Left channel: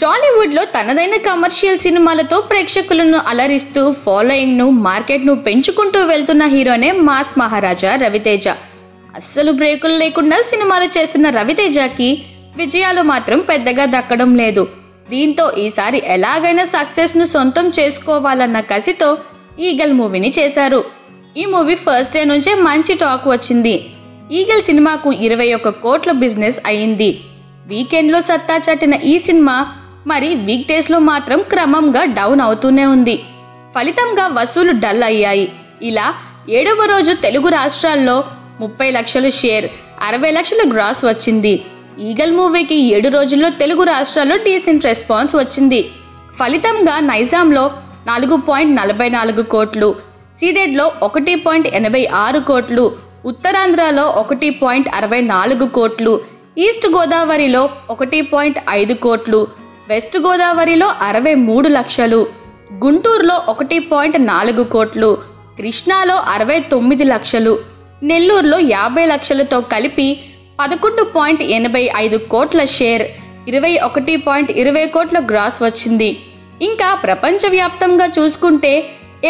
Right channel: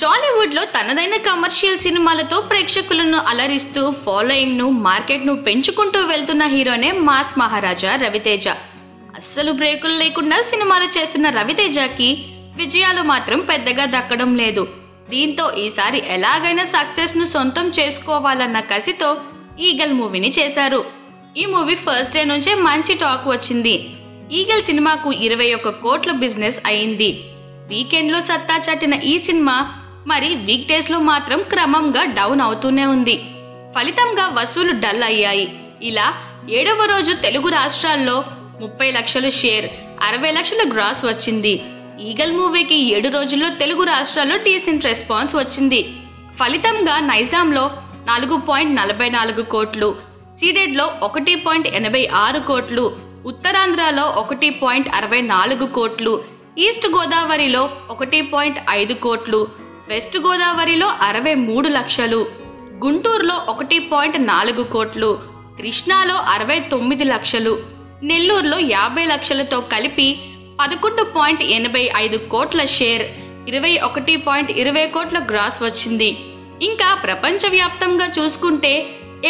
టాలీవుడ్ లో తనదైన కమర్షియల్ సినిమాలతో ప్రేక్షకులను అలరిస్తూ ఫాలోయింగ్ ను మార్కెట్ ను పెంచుకుంటూ వెళ్తున్న హీరోనే మాస్ మహారాజా రవితేజ. అస్సలు బ్రేకులు లేకుండా సినిమాలు చేస్తున్న రవితేజకి విజయాలు మాత్రం పెద్దగా దక్కడం లేదు. దీంతో ఈసారి ఎలాగైనా సక్సెస్ ను సొంతం చేసుకోవాలన్న కసితో ఈగల్ మూవీని చేశారు. ఈ మూవీ ఫస్ట్ డే నుంచే మంచి టాక్ వచ్చింది. ఈగల్ సినిమాకు 21 కోట్ల బిజినెస్ అయింది. వీకెండ్ లో సత్తా చాటిన ఈ సినిమా మరి వీక్ డేస్ లో మాత్రం క్రమంగా డౌన్ అవుతూనే ఉంది. ఫలితంగా వసూలు డల్ అయ్యాయి. ఇలా 7వ రోజు తెలుగు రాష్ట్రాల్లో 30 లక్షల షేర్, 60 లక్షల గ్రాస్ వచ్చింది. ఈగల్ మూవీకి 7 రోజుల్లో తెలుగు రాష్ట్రాల్లో డీసెంట్ రెస్పాన్స్ వచ్చింది. ఫలితంగా నైజాంలో 4.44 కోట్లు, సీడెడ్లో 1.86 కోట్లు, ఉత్తరాంధ్రలో 1.64 కోట్లు, ఈస్ట్ గోదావరిలో 1.5 కోట్లు, వెస్ట్ గోదావరిలో 63 లక్షలు, గుంటూరులో 1.4 కోట్లు, కృష్ణాలో 69 లక్షలు, నెల్లూరులో 50 లక్షలతో కలిపి 11.85 కోట్ల షేర్, 21.20 కోట్ల గ్రాస్ వచ్చింది. ఇంకా ప్రపంచవ్యాప్తంగా చూసుకుంటే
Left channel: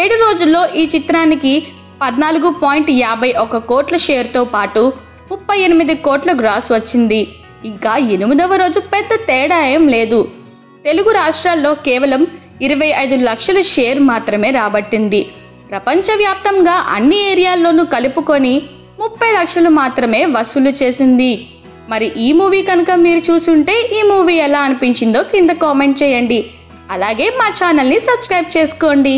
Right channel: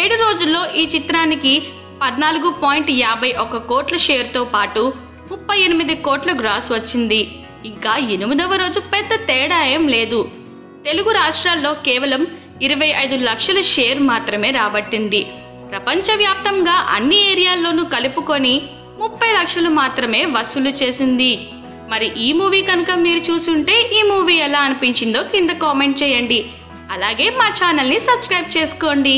7 రోజుల్లో ఈ చిత్రానికి 14.51 కోట్ల షేర్తో పాటు 38 కోట్ల గ్రాస్ వచ్చింది. ఇంకా 8వ రోజు పెద్ద తేడా ఏం లేదు. తెలుగు రాష్ట్రాల్లో కేవలం 25 లక్షల షేర్ మాత్రమే రాబట్టింది. ప్రపంచవ్యాప్తంగా అన్ని ఏరియాల్లోనూ కలుపుకొని 30 లక్షలు మాత్రమే వసూలు చేసింది. మరి ఈ మూవీ కనుక మీరు చూసుంటే ఈ మూవీ ఎలా అనిపించిందో కింద కామెంట్ చేయండి. అలాగే మా ఛానల్ని సబ్స్క్రైబ్ చేసుకోండి.